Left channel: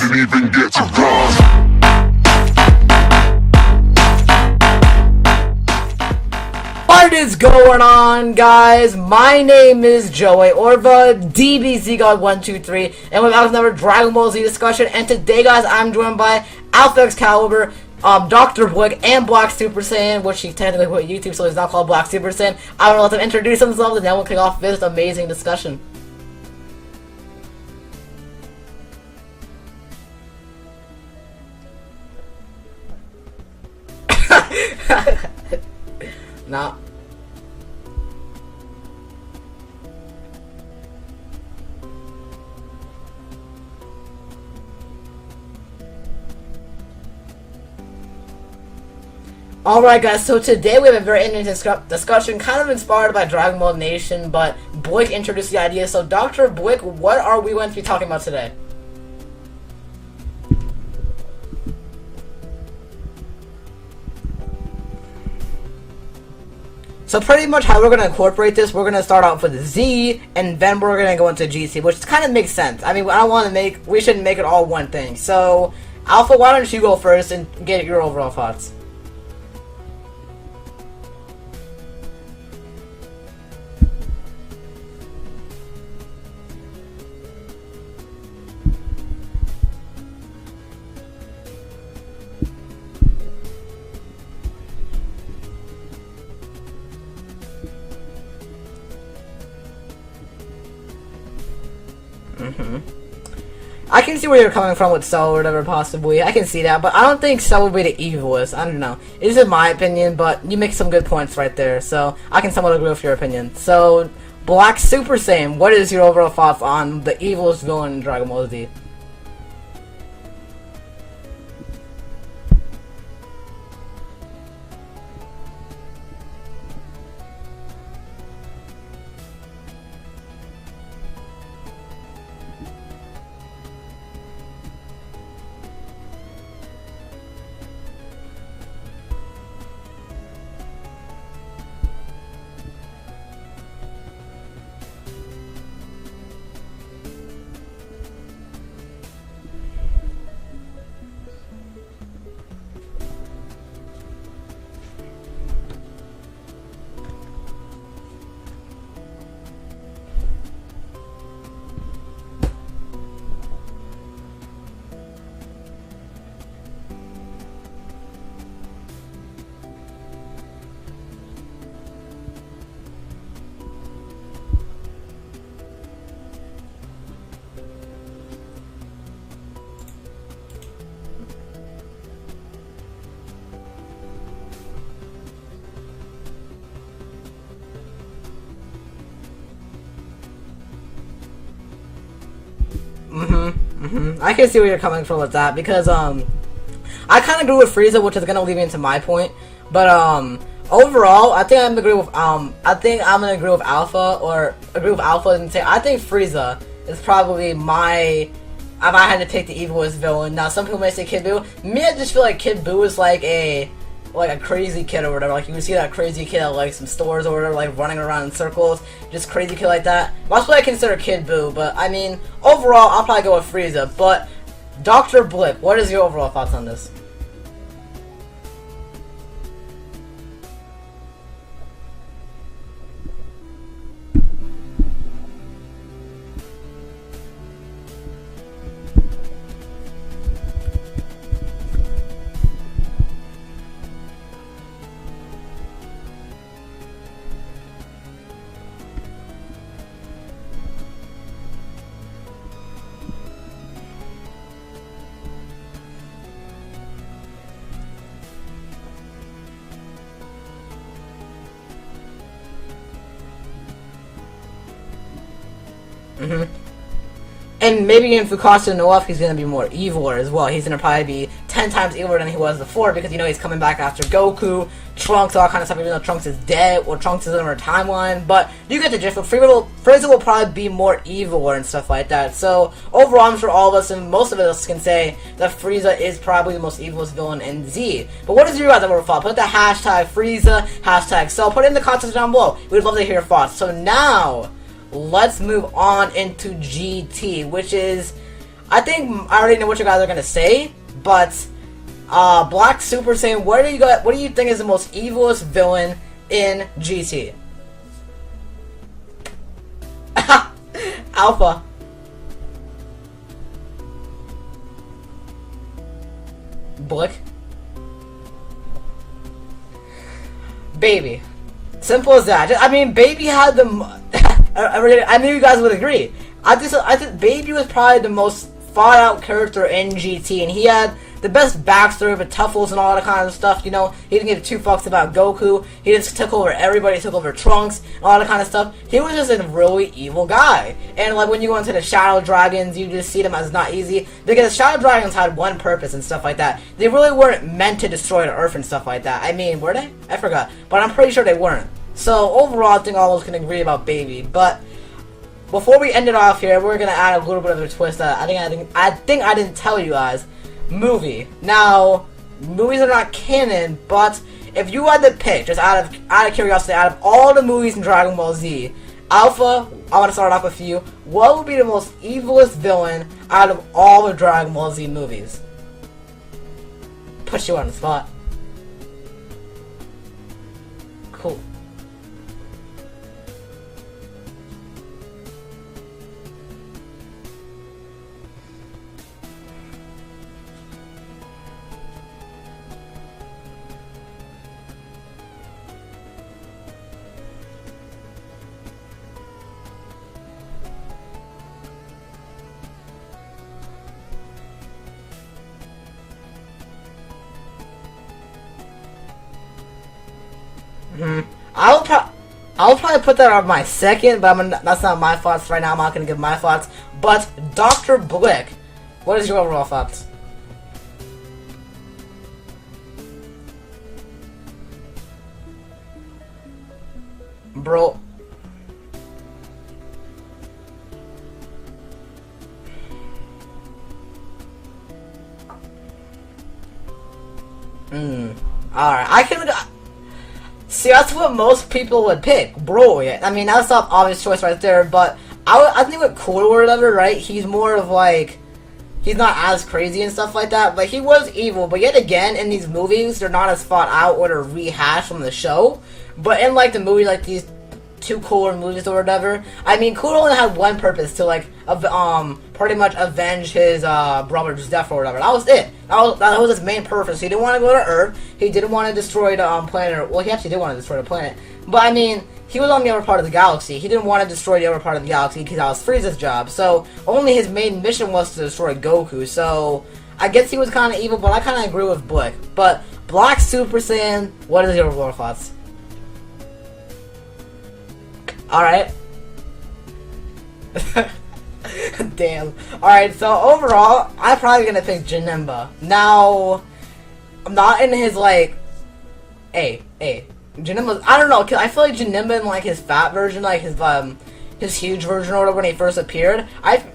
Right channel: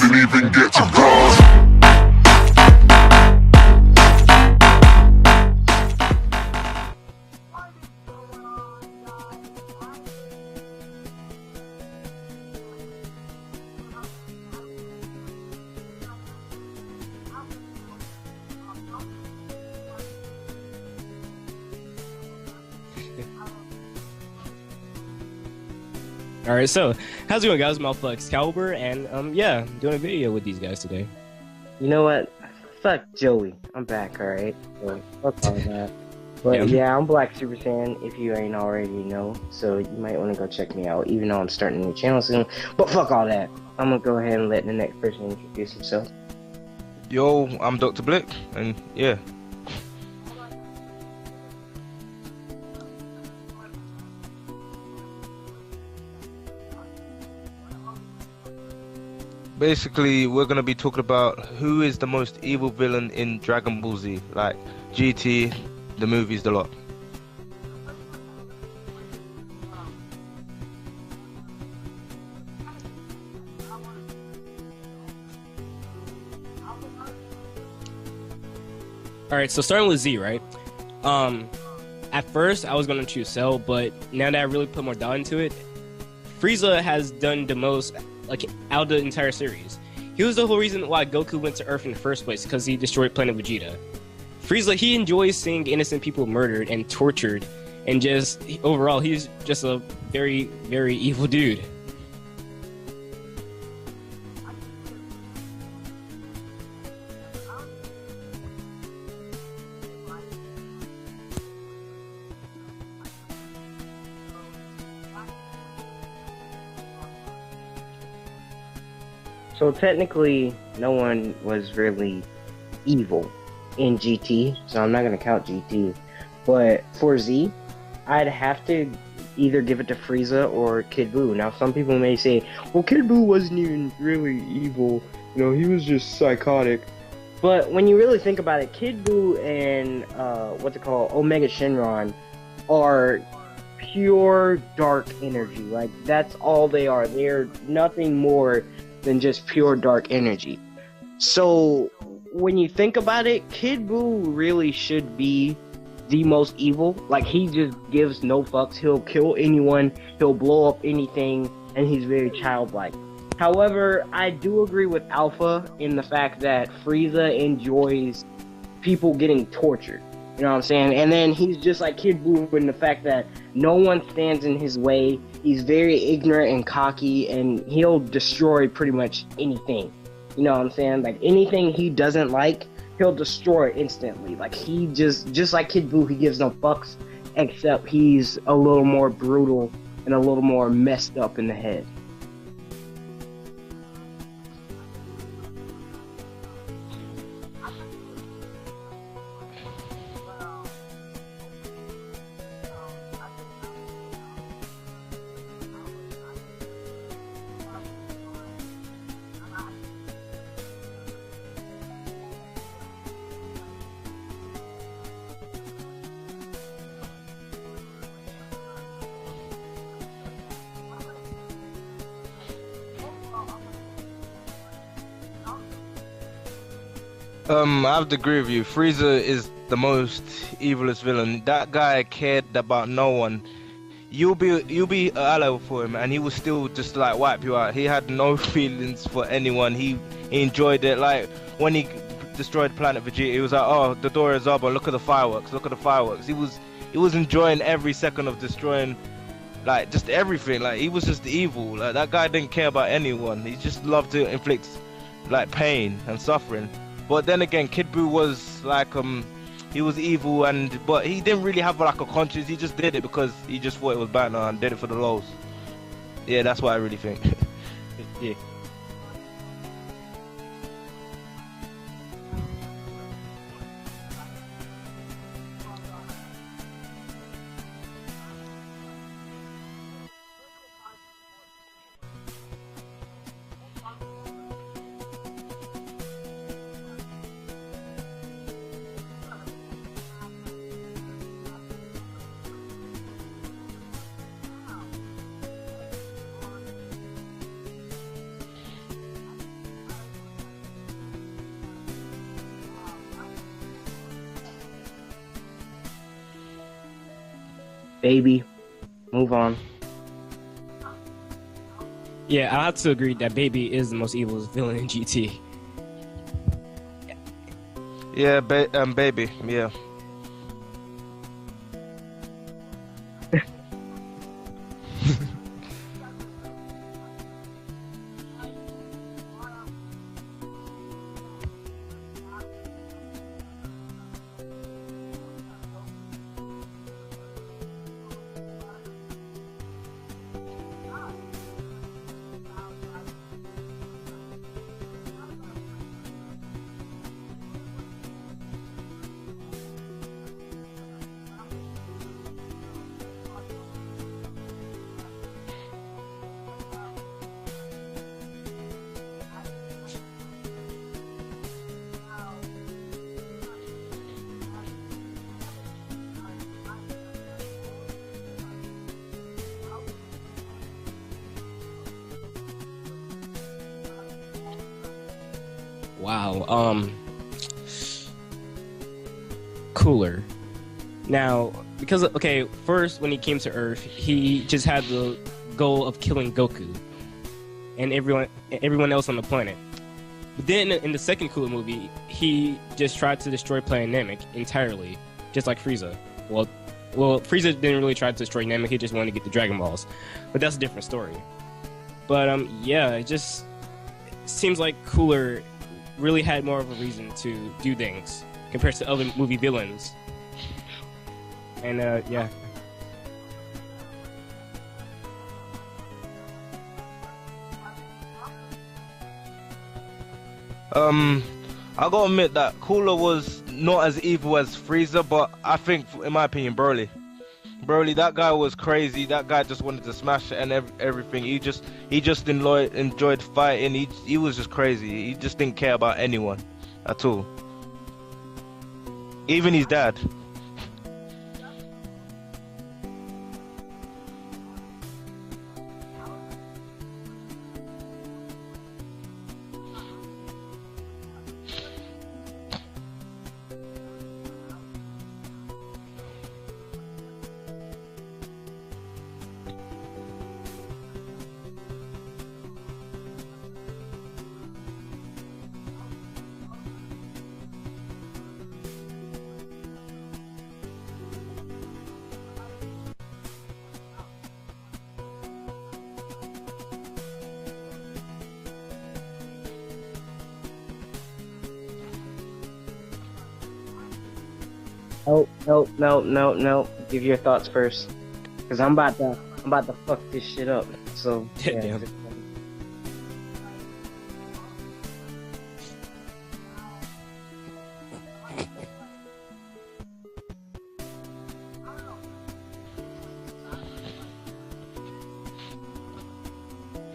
didn't even get to bronze. What is going on, guys? My name is Joey, or the DBZ God 123, and we're back with another Dragon Ball Z discussion. And today, guys, I'm joined by Alpha Excalibur, Dr. Blick, and Black Super Saiyan, which he technically put on YouTube, so he's not called Black Super Saiyan. I will let them introduce themselves, and then we'll kick off this amazing discussion. Alright, so, how's it going, guys? I'm Alpha Excalibur, and, yeah, doing a video with these guys today. You know what? Fuck Joey. I'm back, alright? Fuck all that. But yeah, I'm Black Super Saiyan, if you ain't already know, so you might want to go check me out, even though I'm starting a new channel soon. But fuck all that. I'm gonna go ahead and let the next person introduce himself. Yo, I'm Dr. Blick, and yeah. Alright, guys, so today we have a very interesting discussion, kind of inspired by Dragon Ball Nation, but Blick introduced the idea. So, Dr. Blick, what are we going to be talking about today? Basically, we're gonna be talking about who is the most evil villain in Dragon Ball Z, like GT, the movies, the lot. So pretty much how we're going to incorporate this, we're going to start out with Z, and then we're going to go into GT, which kind of makes sense. I mean, we shouldn't make it all one thing. So, Alpha, why don't you go first and get your overall thoughts? Alright, so starting with Z, right? At first, I was gonna choose Cell, but now that I really put more thought into it, Frieza has done the most, like, out of the entire series. He was the whole reason why Goku went to Earth in the first place, because he destroyed Planet Vegeta. Frieza, he enjoys seeing innocent people murdered and tortured, and just, overall, he's just a very, very evil dude. I can see where you're coming from with Cell or whatever, possibly. I can see that, but I don't think Cell would be the evilest. I don't know. It's just my opinion, but you make some good points right there, so I can somewhat agree with your opinion. So, Black Super Saiyan, what is your overall thoughts on the evilest villain in Dragon Ball Z? So technically, no one was really evil in GT, so I'm not gonna count GT. But for Z, I'd have to either give it to Frieza or Kid Buu. Now, some people may say, well, Kid Buu wasn't even really evil. You know, he was just psychotic. But when you really think about it, Kid Buu and, Omega Shenron are pure dark energy. Like, that's all they are. They're nothing more than just pure dark energy. So, when you think about it, Kid Buu really should be the most evil. Like, he just gives no fucks. He'll kill anyone, he'll blow up anything, and he's very childlike. However, I do agree with Alpha in the fact that Frieza enjoys people getting tortured. You know what I'm saying? And then he's just like Kid Buu in the fact that no one stands in his way. He's very ignorant and cocky, and he'll destroy pretty much anything. You know what I'm saying? Like, anything he doesn't like, he'll destroy it instantly. Like, he just like Kid Buu, he gives no fucks, except he's a little more brutal and a little more messed up in the head. I can see where you're coming from with that, because, I kind of agree with Frieza, which is gonna lead me into my point, but, overall, I think I'm gonna agree with Alpha, and say, I think Frieza is probably if I had to pick the evilest villain. Now, some people may say Kid Buu. Me, I just feel like Kid Buu is like a crazy kid or whatever. Like, you can see that crazy kid at, like, some stores or whatever, like, running around in circles. Just crazy kid like that. That's what I consider Kid Buu. But, I mean, overall, I'll probably go with Frieza. But, Dr. Blip, what is your overall thoughts on this? I have to agree with you. Frieza is the most evilest villain. That guy cared about no one. You'll be an ally for him, and he will still just like wipe you out. He had no feelings for anyone. He enjoyed it. Like when he destroyed Planet Vegeta, he was like, "Oh, the door is up, but look at the fireworks! Look at the fireworks!" He was enjoying every second of destroying, like, just everything. Like, he was just evil. Like, that guy didn't care about anyone. He just loved to inflict, like, pain and suffering. But then again, Kid Buu was like he was evil, but he didn't really have like a conscience. He just did it because he just thought it was bad and did it for the lols. Yeah, that's what I really think. And maybe if Fukasa Noaf, he's gonna be more eviler as well. He's gonna probably be 10 times eviler than he was before, because, you know, he's coming back after Goku, Trunks, all that kind of stuff, even though Trunks is dead, or Trunks is in our timeline. But you get the gist. Frieza will probably be more eviler and stuff like that. So, overall, I'm sure all of us, and most of us, can say that Frieza is probably the most evilest villain in Z. But what is your guys' overall thought? Put the hashtag Frieza, hashtag Cell, put it in the comments down below. We'd love to hear your thoughts. So now, let's move on into GT, which is, I think I already know what you guys are gonna say, but Black Super Saiyan, what do you think is the most evilest villain in GT? Baby. Move on. Alpha. Yeah, I have to agree that Baby is the most evil villain in GT. Blick. Yeah, baby. Yeah. Baby. Simple as that. I mean, Baby had the. I knew you guys would agree. I think Baby was probably the most thought out character in GT, and he had the best backstory with Tuffles and all that kind of stuff. You know, he didn't give two fucks about Goku. He just took over everybody. He took over Trunks, all that kind of stuff. He was just a really evil guy. And like when you go into the Shadow Dragons, you just see them as not easy because Shadow Dragons had one purpose and stuff like that. They really weren't meant to destroy the Earth and stuff like that. I mean, were they? I forgot, but I'm pretty sure they weren't. So overall, I think all of us can agree about Baby. But before we end it off here, we're gonna add a little bit of a twist that I think I didn't tell you guys. Movie. Now, movies are not canon, but if you had to pick, just out of curiosity, out of all the movies in Dragon Ball Z, Alpha, I want to start off with you. What would be the most evilest villain out of all the Dragon Ball Z movies? Wow. Put you on the spot. Cooler. Now, because first when he came to Earth, he just had the goal of killing Goku and everyone else on the planet. But then in the second Cooler movie, he just tried to destroy Planet Namek entirely, just like Frieza. Well, Frieza didn't really try to destroy Namek, he just wanted to get the Dragon Balls. But that's a different story. But yeah, it just seems like Cooler really had more of a reason to do things compared to other movie villains. I'll probably put that on my second, but that's not my thoughts right now. I'm not going to give my thoughts. But Dr. Blick, what is your overall thoughts? I gotta admit that Cooler was not as evil as Frieza, but I think, in my opinion, Broly, that guy was crazy. That guy just wanted to smash it and everything. He just enjoyed fighting. He was just crazy. He just didn't care about anyone at all. Alright, even his dad. See, that's what most people would pick, Broly. I mean, that's not obvious choice right there, but I think with Cooler or whatever, right, he's more of like, he's not as crazy and stuff like that, but he was evil. But yet again, in these movies, they're not as thought out or they're rehashed from the show. But in like the movie, like these two Cooler movies or whatever, I mean, Cooler only had one purpose to like, pretty much avenge his brother's death or whatever. That was it. That was his main purpose. He didn't want to go to Earth. He didn't want to destroy the planet. Well, he actually did want to destroy the planet. But I mean, he was on the other part of the galaxy. He didn't want to destroy the other part of the galaxy because that was Frieza's job. So only his main mission was to destroy Goku. So I guess he was kind of evil, but I kind of agree with Blick. But Black Super Saiyan, what is your overall thoughts? No. Give your thoughts first. Alright. I'm about to fuck this shit up. So, yeah. Damn. Alright, so overall, I'm probably gonna pick Janemba. Now, I'm not in his like, Janemba, I don't know, cause I feel like Janemba in like his fat version, like his huge version or whatever when he first appeared,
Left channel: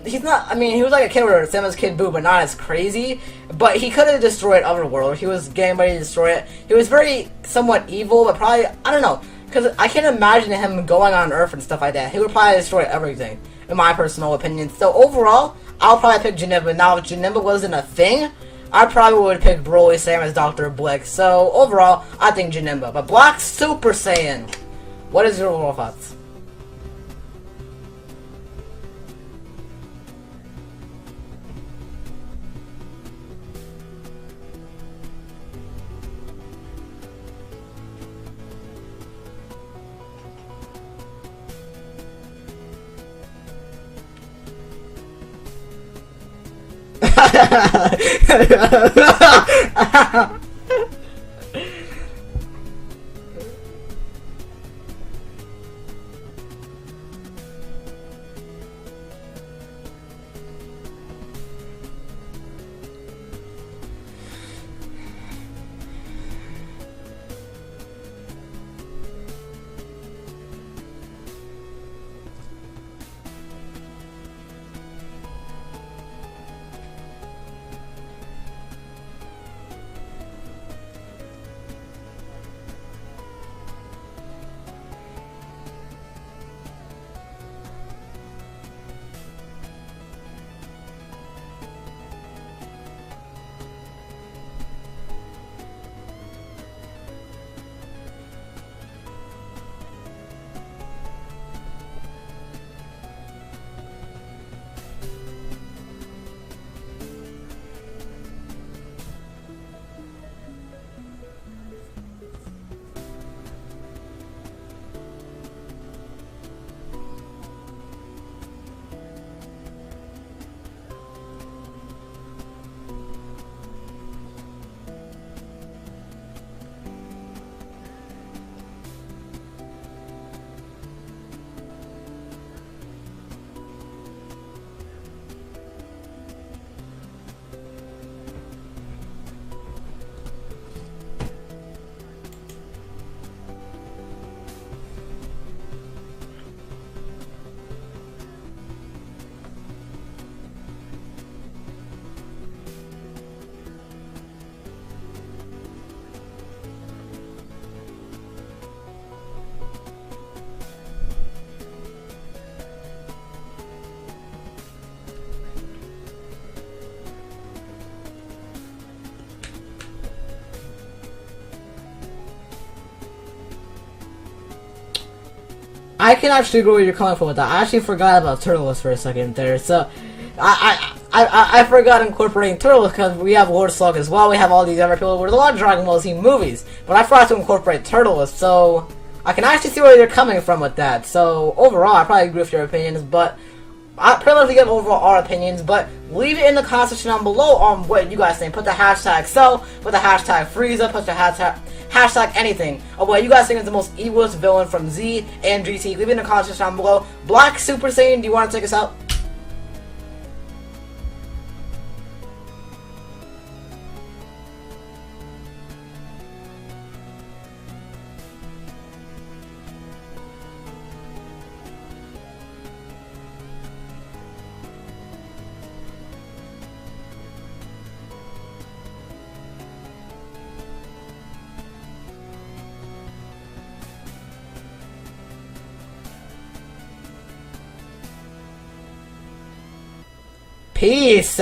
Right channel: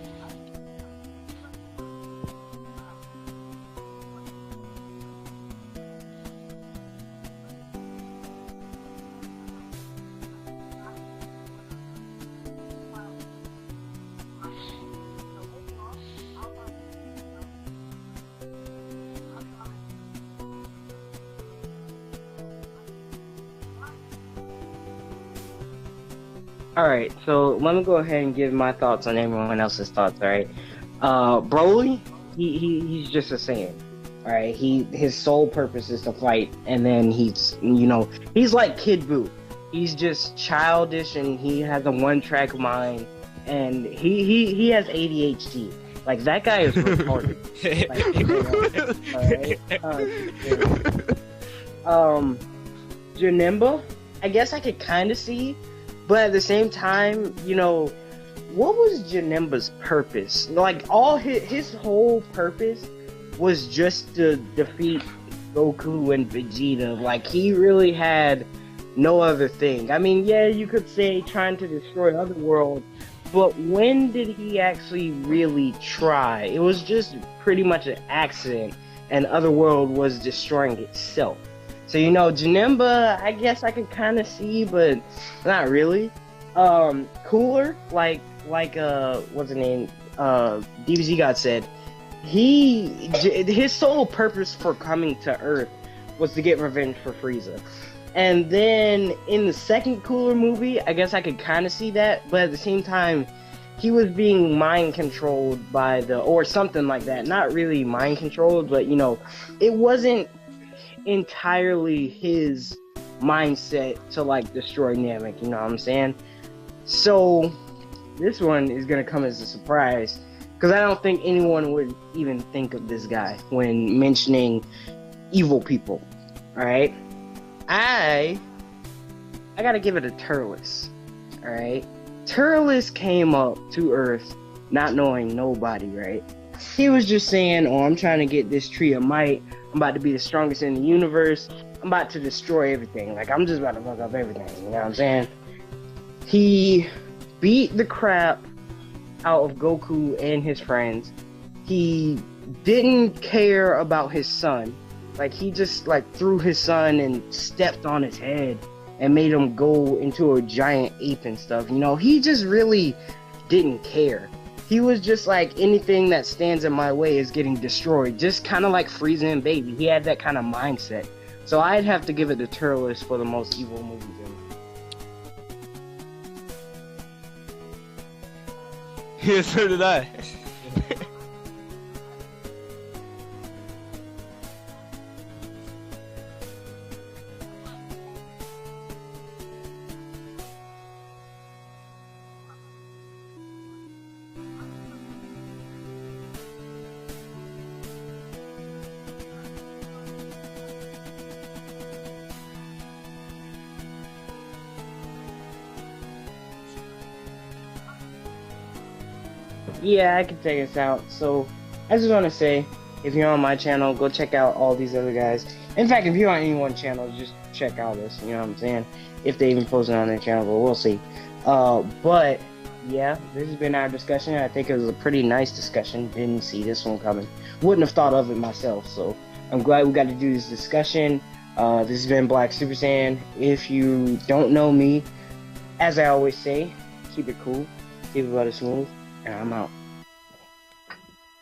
he was like a kid or same as Kid Buu, but not as crazy. But he could have destroyed Otherworld. He was getting ready to destroy it. He was very somewhat evil, but probably, I don't know, because I can't imagine him going on Earth and stuff like that. He would probably destroy everything, in my personal opinion. So overall, I'll probably pick Janemba. Now, if Janemba wasn't a thing, I probably would pick Broly, same as Dr. Blick. So overall, I think Janemba. But Black Super Saiyan, what is your overall thoughts? Alright, so let me go ahead and give my thoughts on everyone else's thoughts, alright? Broly, he's just a Saiyan. Alright, his sole purpose is to fight, and then he's like Kid Buu. He's just childish and he has a one-track mind, and he has ADHD. Like, that guy is Janemba, I guess I could kind of see, but at the same time, what was Janemba's purpose? Like, all his whole purpose was just to defeat Goku and Vegeta. Like, he really had no other thing. I mean, yeah, you could say trying to destroy Otherworld, but when did he actually really try? It was just pretty much an accident, and Otherworld was destroying itself. So, Janemba, I guess I could kind of see, but not really. Cooler, like, like what's his name? DBZ God said, his sole purpose for coming to Earth was to get revenge for Frieza. And then in the second Cooler movie, I guess I could kind of see that, but at the same time, he was being mind controlled by or something like that. Not really mind controlled, but you know, it wasn't entirely his mindset to like destroy Namek, you know what I'm saying? So this one is gonna come as a surprise, because I don't think anyone would even think of this guy when mentioning evil people. Alright? I gotta give it a Turles. Alright? Turles came up to Earth not knowing nobody, right? He was just saying, oh, I'm trying to get this tree of might. I'm about to be the strongest in the universe. I'm about to destroy everything. Like, I'm just about to fuck up everything. You know what I'm saying? He beat the crap out of Goku and his friends. He didn't care about his son. Like, he just, like, threw his son and stepped on his head and made him go into a giant ape and stuff. You know, he just really didn't care. He was just like, anything that stands in my way is getting destroyed. Just kind of like Frieza and Baby. He had that kind of mindset. So I'd have to give it to Turles for the most evil movie. I can actually agree where you're coming from with that. I actually forgot about Turles for a second there. So I forgot incorporating Turles because we have Lord Slug as well. We have all these other people. There's a lot of Dragon Ball Z movies, but I forgot to incorporate Turles. So I can actually see where you're coming from with that. So overall, I probably agree with your opinions, but I pretty much give overall our opinions. But leave it in the comment section down below on what you guys think. Put the hashtag Cell, put the hashtag Frieza, put the hashtag anything of what you guys think is the most evilest villain from Z and GT. Leave it in the comment section down below. Black Super Saiyan, do you want to take us out? Yeah, I can take us out. So I just want to say, if you're on my channel, go check out all these other guys. In fact, if you're on anyone's channel, just check out this. You know what I'm saying? If they even post it on their channel, but we'll see. But yeah, this has been our discussion. I think it was a pretty nice discussion. Didn't see this one coming. Wouldn't have thought of it myself. So I'm glad we got to do this discussion. This has been Black Super Saiyan. If you don't know me, as I always say, keep it cool, keep it rather smooth, and I'm out. Peace!